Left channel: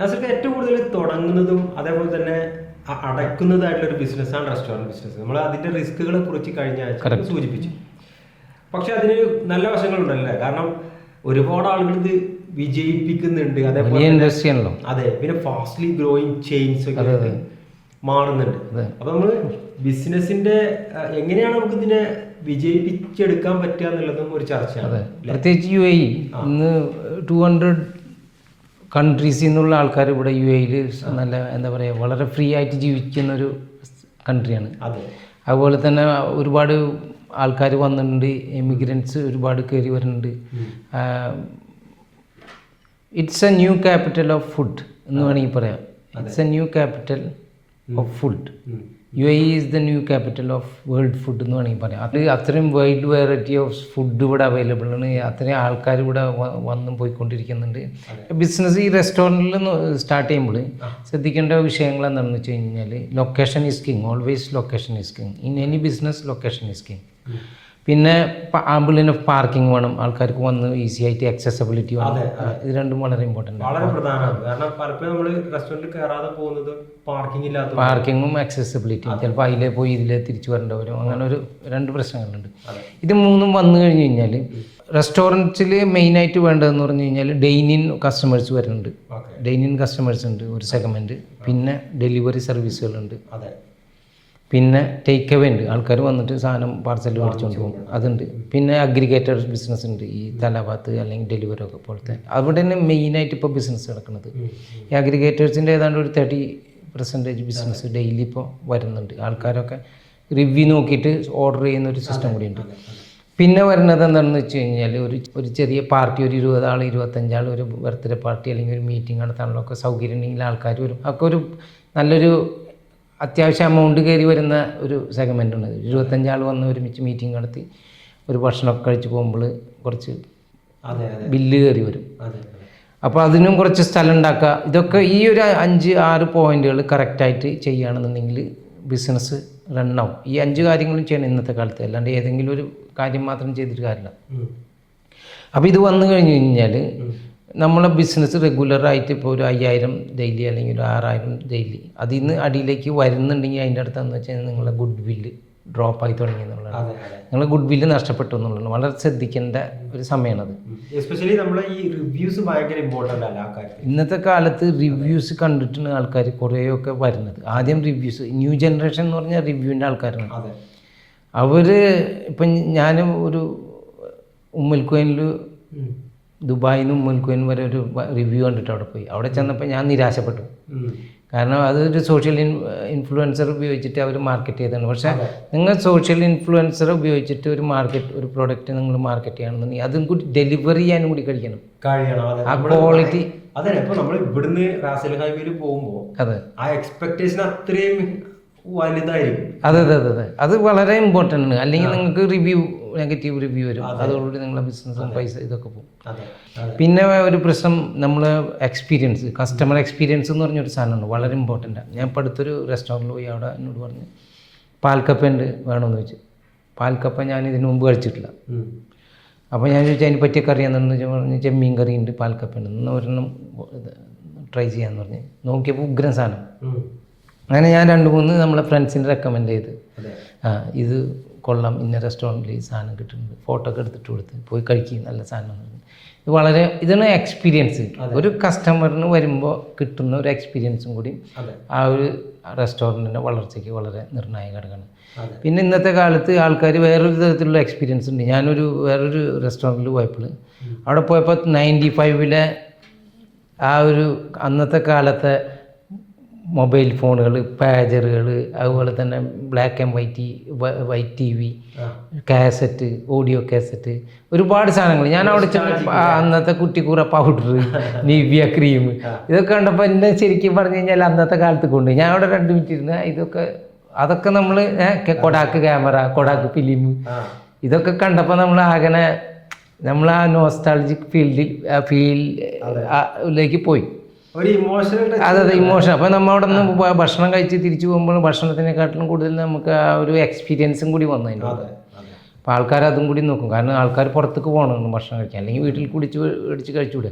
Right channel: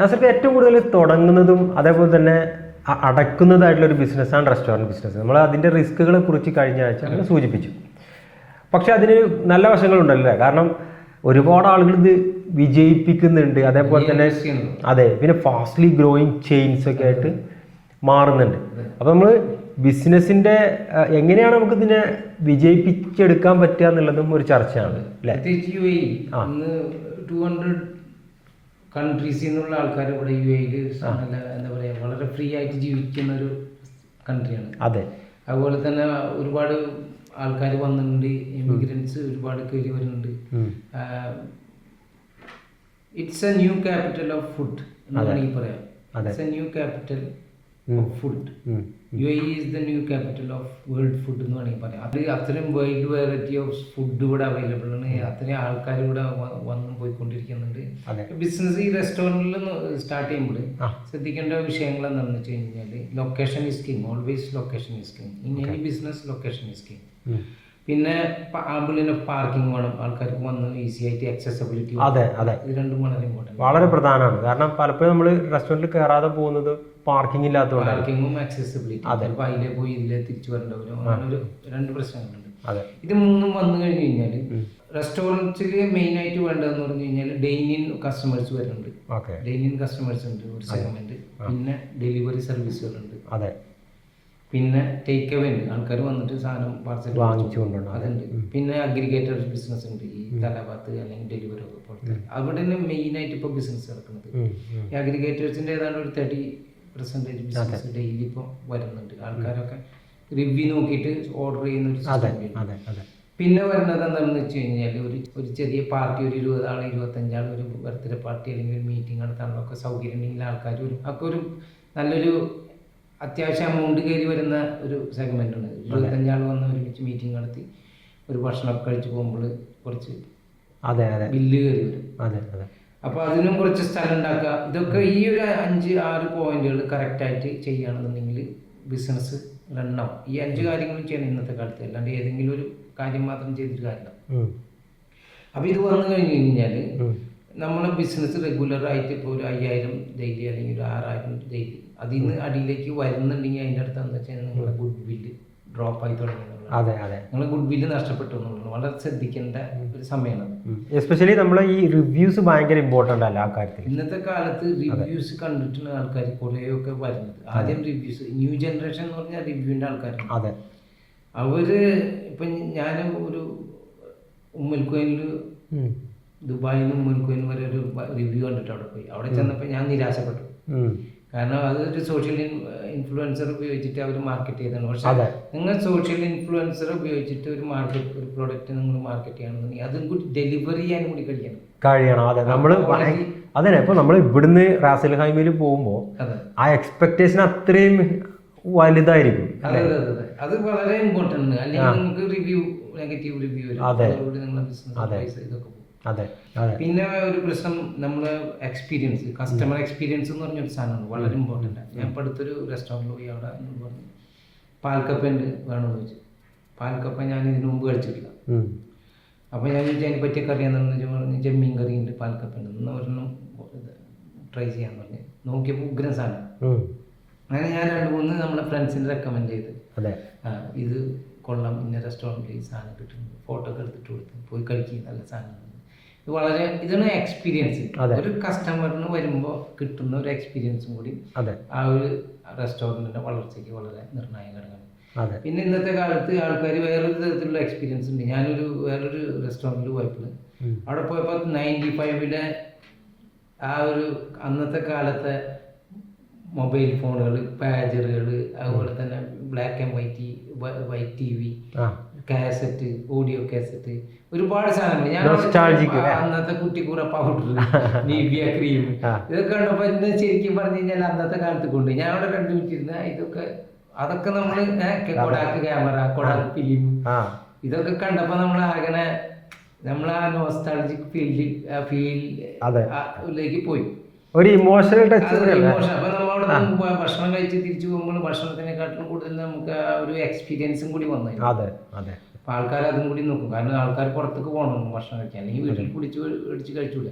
നാസിർക്ക് ഏറ്റവും കൂടുതൽ തുടങ്ങുന്നതും അതേപോലെ തന്നെ അടക്കുന്നതായിട്ടുള്ള ഒരു ബിസിനസ്സാണ് റെസ്റ്റോറൻറ്റ് ബിസിനസ്. നമ്മൾ അതിൻ്റെ റിസ്കുകളെ കുറിച്ച് കഴിഞ്ഞ ആഴ്ച സൂചിപ്പിച്ചു. പക്ഷെ അതിന് നല്ല വശങ്ങളുണ്ടല്ലേ? കാരണം ഒരുപാട് ആളുകൾ ഇത് വിജയിപ്പിക്കുന്നുണ്ട്, അതേപോലെ തന്നെ അതെ, പിന്നെ ഫാസ്റ്റ്ലി ഗ്രോയിങ് ചെയിൻസ് ഒക്കെ ആയിട്ട് മാറുന്നുണ്ട്. അപ്പൊ നമ്മള് ബിസിനസിന്റെ എങ്ങനെയാണ് നമുക്ക് ഇതിനെ വിജയിപ്പിച്ചെടുക്കാൻ പറ്റുക എന്നുള്ളതും ഒരു ചർച്ചയാണ്. പ്രത്യേകിച്ച് UAE ഇന്ന് 200 കൺട്രീസിൽ നിന്നുള്ള ആൾക്കാർ ഇവിടെ UAE നല്ല എന്താ പറയുക വളരെ ഫ്രീ ആയിട്ട് ജീവിക്കുന്ന ഒരു കൺട്രിയാണ്. അതെ, അതുപോലെ തന്നെ ഒരുപാട് ആൾക്കാർ വന്നിട്ടുണ്ട്, എമിഗ്രൻസ് ഒരുപാട് കയറി വരുന്നുണ്ട്. It's A new capital of food എന്ന് വേണമെങ്കിൽ പറയാം. It's A new capital of food. UAE is the new capital of world food എന്ന് വേണമെങ്കിൽ പറയാം. അത് അത്രയും വൈഡ് വെറൈറ്റി ഓഫ് ഫുഡ് ഇവിടെ അവൈലബിൾ ആണ്. അത്രയും ആൾക്കാർ ഇവിടെ വന്നും പോയിക്കൊണ്ടിരിക്കുന്നുണ്ട്. ബിസിനസ് ഈ റെസ്റ്റോറൻറ്റിൽ സ്റ്റാർട്ട് ചെയ്യുമ്പോൾ ശ്രദ്ധിക്കേണ്ട വിഷയങ്ങൾ എന്താണെന്ന് വെച്ച് കഴിഞ്ഞാൽ location is king. Always location is king. In any business location is king. പിന്നെ ആംബുലൻസ് ഓഫ് പാർക്കിംഗ് വേണം, ആൾക്കാർക്ക് വന്ന് ഈസി ആയിട്ട് ആക്സസിബിലിറ്റി. ഇത് രണ്ടും വളരെ ഇമ്പോർട്ടൻ്റ്, വളരെ പ്രധാനമാണ്. കാരണം പലപ്പോഴും നമ്മൾ റെസ്റ്റോറൻറ്റിൽ കയറാതെ പോകുന്നത് പാർക്കിങ്ങും ആക്സസിബിലിറ്റി. ചിലപ്പോൾ അതിലേ പോയി ഇതിലേ തിരിച്ചു വരേണ്ടി വരും. അങ്ങനെ ഒരു 2 പ്രശ്നങ്ങളുണ്ട്. ഇത് മൂന്നും വന്നു കഴിഞ്ഞ് കഴിഞ്ഞാൽ റെസ്റ്റോറൻറ്റ്സിൽ മെയിനായിട്ട് വേണ്ടതെന്ന് പറഞ്ഞു കഴിഞ്ഞാൽ ഡൈനിൻ കസ്റ്റമേഴ്സ് വരുന്നുണ്ട്. ഡൈനിൻ കസ്റ്റമേഴ്സ് ഉണ്ട് ഒരു സെഗ്മെൻറ്റ്. പിന്നെ ഡെലിവറി സർവീസുകളുണ്ട്. പിന്നെ ടേക്ക് അവേ ഉണ്ട്, ആൾക്കാർ വന്നിട്ട് സാധനം പാർസൽ മേടിച്ചുകൊണ്ട് അതുണ്ട്. പിന്നെ അഗ്രിഗേറ്റർ ബിസിനസ് ഉണ്ട്, ഈ തലഭാത്ത് അല്ലെങ്കിൽ ഡെലിവറി ഒക്കെ പോലത്തെ. അവിടെ തന്നെ മെയിനായിട്ട് ഇപ്പോൾ ബിസിനസ് നടക്കുന്നത് ഈ അഗ്രിഗേറ്റേഴ്സിൻ്റെ ഏതാണ്ട് ഒരു 30% ബിസിനസ് ഡെയിലി ഇപ്പോൾ വരുന്നുണ്ട്. ആൾക്കാരൊക്കെ റിവ്യൂ നോക്കിയിട്ട് ഓർഡർ ചെയ്യുന്ന ഒരു സിസ്റ്റം കൂടി ഉണ്ട്. പിന്നെ വരുന്നത് എന്താണെന്ന് വെച്ച് കഴിഞ്ഞാൽ ഒരു ചെറിയ പാർട്ടി, ഒരു 20 ആൾ 25 ആൾ ഒരു ബർത്ത്ഡേ പാർട്ടി അല്ലെങ്കിൽ ഒരു മീറ്റിംഗ് നടത്താനുള്ള ഒക്കെ സൗകര്യം ഉണ്ടെങ്കിൽ ആൾക്കാർ വരും. ഒക്കെ ഒരു നല്ലൊരു അത്യാവശ്യം എമൗണ്ട് കയറി വരുന്ന ഒരു സെഗ്മെൻ്റ് ഉണ്ട്. 25 ആൾ വന്ന് ഒരുമിച്ച് മീറ്റിംഗ് നടത്തി ഒരു ഭക്ഷണമൊക്കെ കഴിച്ച് പോകുമ്പോൾ കുറച്ച് ബില്ല് കയറി വരും. അപ്പോൾ അതിനും കുറച്ച് സ്ഥലം ഉണ്ടാക്കുക. ഇതൊക്കെ ഈ ഒരു 5-6 പോയിന്റുകൾ കറക്റ്റായിട്ട് ചെയ്യുകയാണെന്നുണ്ടെങ്കിൽ ബിസിനസ് റണ്ണാവും. ഈ 5 കാര്യങ്ങളും ചെയ്യണം ഇന്നത്തെ കാലത്ത്. അല്ലാണ്ട് ഏതെങ്കിലും ഒരു കാര്യം മാത്രം ചെയ്തിട്ട് കാര്യമില്ല. അപ്പോൾ ഇത് വന്നു കഴിഞ്ഞ് കഴിഞ്ഞാൽ നമ്മളെ ബിസിനസ് റെഗുലറായിട്ട് ഇപ്പോൾ ഒരു 5000 ഡെയിലി അല്ലെങ്കിൽ ഒരു 6000 ഡെയിലി അതിൽ നിന്ന് അടിയിലേക്ക് വരുന്നുണ്ടെങ്കിൽ അതിൻ്റെ അടുത്തെന്ന് വെച്ചാൽ നിങ്ങളുടെ ഗുഡ് വില്ല് ഡ്രോപ്പ് ആയി തുടങ്ങി എന്നുള്ളതാണ്. നിങ്ങളുടെ ഗുഡ് വില്ല് നഷ്ടപ്പെട്ടു എന്നുള്ളതാണ്. വളരെ ശ്രദ്ധിക്കേണ്ട ഒരു സമയമാണത്. എസ്പെഷ്യലി നമ്മുടെ ഈ റിവ്യൂസ് ഭയങ്കര ഇമ്പോർട്ടൻ്റ് അല്ല ആ കാര്യത്തിൽ. ഇന്നത്തെ കാലത്ത് റിവ്യൂസ് കണ്ടിട്ടാണ് ആൾക്കാർ കുറേയൊക്കെ വരുന്നത്. ആദ്യം റിവ്യൂസ്, ന്യൂ ജനറേഷൻ എന്ന് പറഞ്ഞാൽ റിവ്യൂവിൻ്റെ ആൾക്കാരാണ്. അവർ ഇപ്പം ഞാൻ ഒരു ഉമ്മൽക്കോയിനിൽ ദുബായിൽ നിന്ന് ഉമ്മൽക്കോയിൻ വരെ ഒരു റിവ്യൂ കണ്ടിട്ട് അവിടെ പോയി. അവിടെ ചെന്നപ്പോൾ ഞാൻ നിരാശപ്പെട്ടു. കാരണം അതൊരു സോഷ്യൽ ഇൻഫ്ലുവൻസർ ഉപയോഗിച്ചിട്ട് അവർ മാർക്കറ്റ് ചെയ്തതാണ്. പക്ഷേ നിങ്ങൾ സോഷ്യൽ ഇൻഫ്ലുവൻസർ ഉപയോഗിച്ചിട്ട് ഒരു പ്രോഡക്റ്റ് നിങ്ങൾ മാർക്കറ്റ് ചെയ്യണമെന്നുണ്ടെങ്കിൽ അതും കൂടി ഡെലിവറി ചെയ്യാനും കൂടി കഴിയണം. ക്വാളിറ്റി അതെ. ഇപ്പോൾ നമ്മൾ ഇവിടുന്ന് റാസൽ ഹൈവേയിൽ പോകുമ്പോൾ ആ എക്സ്പെക്ടേഷൻ അത്രയും വലുതായിരിക്കും. അതെ. അത് വളരെ ഇമ്പോർട്ടൻ്റ് ആണ്. അല്ലെങ്കിൽ നിങ്ങൾക്ക് നെഗറ്റീവ് റിവ്യൂ വരും. അതോടുകൂടി നിങ്ങളുടെ ബിസിനസ് പൈസ ഇതൊക്കെ പോകും. പിന്നെ ഒരു പ്രശ്നം നമ്മളെ എക്സ്പീരിയൻസ്, കസ്റ്റമർ എക്സ്പീരിയൻസ് എന്ന് പറഞ്ഞൊരു സാധനമാണ്, വളരെ ഇമ്പോർട്ടൻ്റ് ആണ്. ഞാൻ ഇപ്പോൾ അടുത്തൊരു റെസ്റ്റോറൻറ്റിൽ പോയി അവിടെ എന്നോട് പറഞ്ഞു പാൽക്കപ്പ ഉണ്ട് വേണമെന്ന് വെച്ചു. പാൽക്കപ്പ ഞാൻ ഇതിനു മുമ്പ് കഴിച്ചിട്ടില്ല. അപ്പോൾ ഞാൻ ചോദിച്ചാൽ അതിനെ പറ്റിയൊക്കെ അറിയാമെന്ന് പറഞ്ഞ് ചെമ്മീൻ കറി ഉണ്ട്, പാൽക്കപ്പ ഉണ്ട്, എന്നാൽ ഒരെണ്ണം ട്രൈ ചെയ്യാമെന്ന് പറഞ്ഞ് നോക്കിയപ്പോൾ ഉഗ്രൻ സാധനം. അങ്ങനെ ഞാൻ 2-3 നമ്മളെ ഫ്രണ്ട്സിന് റെക്കമെൻഡ് ചെയ്ത് ഇത് കൊള്ളാം, ഇന്ന റെസ്റ്റോറൻറ്റിൽ ഈ സാധനം കിട്ടുന്നുണ്ട്, ഫോട്ടോ ഒക്കെ എടുത്തിട്ട് കൊടുത്ത് പോയി കഴിക്കും, നല്ല സാധനമാണ്. ഇതാണ് എക്സ്പീരിയൻസ്. ഒരു കസ്റ്റമറിന് വരുമ്പോൾ കിട്ടുന്ന ഒരു എക്സ്പീരിയൻസും കൂടി ആ ഒരു റെസ്റ്റോറൻറ്റിൻ്റെ വളർച്ചയ്ക്ക് വളരെ നിർണായക ഘടകമാണ്. പിന്നെ ഇന്നത്തെ കാലത്ത് ആൾക്കാർ വേറൊരു തരത്തിലുള്ള എക്സ്പീരിയൻസ് ഉണ്ട്. വേറൊരു റെസ്റ്റോറൻറ്റിൽ പോയപ്പോൾ അവിടെ പോയപ്പോൾ 95-ലെ ആ ഒരു അന്നത്തെ കാലത്തെ മൊബൈൽ ഫോണുകൾ, പാജറുകൾ, അതുപോലെ തന്നെ black and white TV, cassette, audio cassette, ഒരുപാട് സാധനങ്ങൾ. ഞാൻ അവിടെ അന്നത്തെ കുട്ടിക്കൂറ പൗഡർ, നിവ്യ ക്രീം, ഇതൊക്കെ കണ്ടപ്പോൾ എന്നെ ശരിക്കും പറഞ്ഞു കഴിഞ്ഞാൽ അന്നത്തെ കാലത്ത് കൊണ്ട് ഞാൻ അവിടെ 2 മിനിറ്റ് ഇരുന്ന് അതൊക്കെ നമ്മൾ കൊടാക്ക് ക്യാമറ, കൊടാക്ക് ഫിലിം, ഇതൊക്കെ കണ്ടപ്പോൾ നമ്മൾ ആ നോസ്റ്റാൾജിക് ഫീലിലേക്ക് പോയി. ഒരു ഇമോഷണൽ. അതെ, ഇമോഷൻ. അപ്പോൾ നമ്മൾ അവിടെ നിന്ന് ഭക്ഷണം കഴിച്ച് തിരിച്ചു പോകുമ്പോൾ ഭക്ഷണത്തിനെക്കാട്ടിലും കൂടുതൽ നമുക്ക് ആ ഒരു എക്സ്പീരിയൻസും കൂടി വന്നു. അപ്പോൾ ആൾക്കാർ അതും കൂടി നോക്കും. കാരണം ആൾക്കാർ പുറത്തേക്ക് പോകണം ഭക്ഷണം കഴിക്കാൻ, അല്ലെങ്കിൽ വീട്ടിൽ മേടിച്ച് കഴിച്ചുകൂടെ.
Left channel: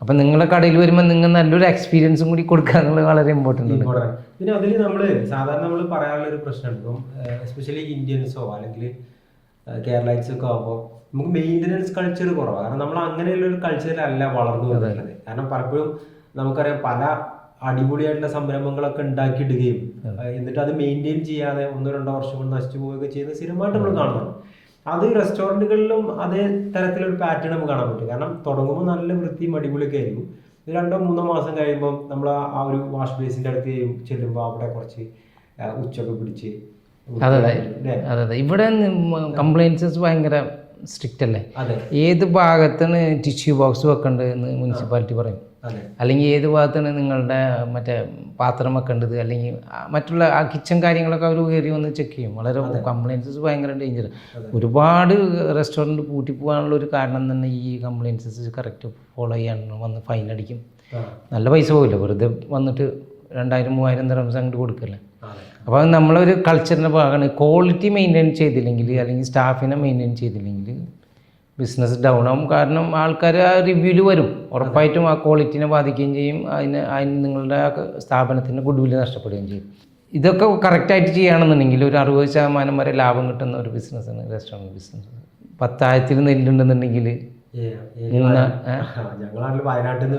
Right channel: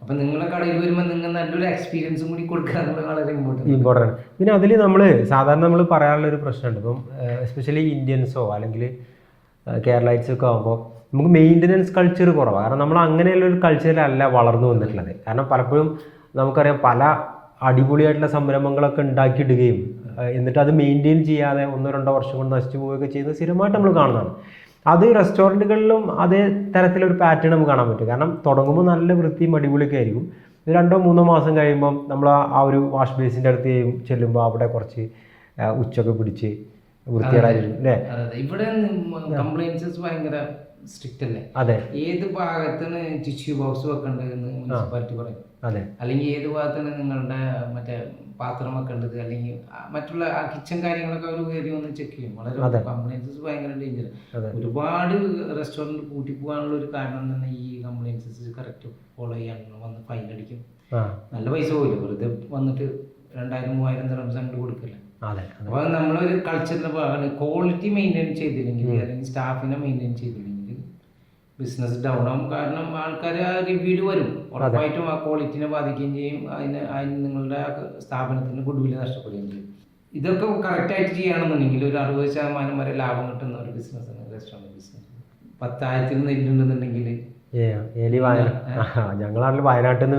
അപ്പം നിങ്ങളെ കടയിൽ വരുമ്പോൾ നിങ്ങൾ നല്ലൊരു എക്സ്പീരിയൻസും കൂടി കൊടുക്കുക എന്നുള്ളത് വളരെ ഇമ്പോർട്ടൻ്റ്. പിന്നെ അതിൽ നമ്മൾ സാധാരണ നമ്മൾ പറയാനുള്ളൊരു പ്രശ്നമുണ്ട്. ഇപ്പം എസ്പെഷ്യലി ഇന്ത്യൻസോ അല്ലെങ്കിൽ കേരളൈറ്റ്സൊക്കെ ആകുമ്പോൾ നമുക്ക് മെയിൻ്റനൻസ് കൾച്ചർ കുറവാണ്. കാരണം നമ്മൾ അങ്ങനെയുള്ളൊരു കൾച്ചറിലല്ല വളർന്നു വന്നിട്ടുള്ളത്. കാരണം പലപ്പോഴും നമുക്കറിയാം പല അടിപൊളിയായിട്ടുള്ള സംരംഭങ്ങളൊക്കെ ഉണ്ടാക്കിയിടുകയും എന്നിട്ട് അത് മെയിൻറ്റെയിൻ ചെയ്യാതെ 1-2 വർഷം കൊണ്ട് നശിച്ചു പോവുകയൊക്കെ ചെയ്യുന്നത് സ്ഥിരമായിട്ട് നമ്മൾ കാണുന്നതാണ്. അത് റെസ്റ്റോറൻറ്റുകളിലും അതേ തരത്തിലൊരു പാറ്റേൺ നമുക്ക് കാണാൻ പറ്റും. കാരണം തുടങ്ങുമ്പോൾ നല്ല വൃത്തിയും അടിപൊളിയൊക്കെ ആയിരിക്കും. 2-3 മാസം കഴിയുമ്പം നമ്മൾ ആ ഒരു വാഷ് ബേസിൻ്റെ അടുത്ത് ചെല്ലുമ്പോൾ അവിടെ കുറച്ച് ഉച്ചൊക്കെ പിടിച്ച് അതെ. ഇവിടെ കംപ്ലൈൻസസ് ഭയങ്കര സ്ട്രിക്റ്റ് അല്ലേ? അതെ. ഏത് ഭാഗത്താണ് ടിഷ്യൂ ബോക്സ് വെക്കേണ്ടതെന്ന് മുനിസിപ്പാലിറ്റി പറയും. അതെ. അല്ലെങ്കിൽ ഏത് ഭാഗത്താണ് നിങ്ങളുടെ മറ്റേ പാത്രം വെക്കേണ്ടത്, അല്ലെങ്കിൽ മറ്റുള്ള ആ കിച്ചൺ കാര്യങ്ങളൊക്കെ അവർ കയറി വന്ന് ചെക്ക് ചെയ്യും. വളരെ കംപ്ലൈൻസസ് ഭയങ്കര ഡേഞ്ചർ. ഒരുപാട് റെസ്റ്റോറൻറ്റ് പൂട്ടി പോകാനുള്ള ഒരു കാരണം തന്നെ ഈ കംപ്ലൈൻസസ് കറക്റ്റ് ഫോളോ ചെയ്യാൻ വന്ന് ഫൈൻ അടിക്കും. നല്ല പൈസ പോകില്ല, വെറുതെ വന്നിട്ട് 2000-3000 ദിർഹംസ് അങ്ങോട്ട് കൊടുക്കല്ലേ. അപ്പോൾ നമ്മളൊരു കൾച്ചറിൻ്റെ ഭാഗമാണ്. ക്വാളിറ്റി മെയിൻറ്റെയിൻ ചെയ്തില്ലെങ്കിൽ അല്ലെങ്കിൽ സ്റ്റാഫിനെ മെയിൻറ്റെയിൻ ചെയ്തില്ലെങ്കിൽ ബിസിനസ് ഡൗൺ ആവും. കാരണം ആൾക്കാർ ആ റിവ്യൂവിൽ വരും, ഉറപ്പായിട്ടും ആ ക്വാളിറ്റിനെ ബാധിക്കുകയും ചെയ്യും. അതിന് നിങ്ങളുടെ സ്ഥാപനത്തിൻ്റെ ഗുഡ്വിൽ നഷ്ടപ്പെടുകയും ചെയ്യും. ഇതൊക്കെ കറക്റ്റായിട്ട് ചെയ്യുകയാണെന്നുണ്ടെങ്കിൽ ഒരു 60% വരെ ലാഭം കിട്ടുന്ന ഒരു ബിസിനസ്സാണ് റെസ്റ്റോറൻറ്റ് ബിസിനസ്. 10,000 നെല്ലുണ്ടെന്നുണ്ടെങ്കിൽ ഞങ്ങളാണെങ്കിൽ വയനാട്ടിൽ നിന്ന്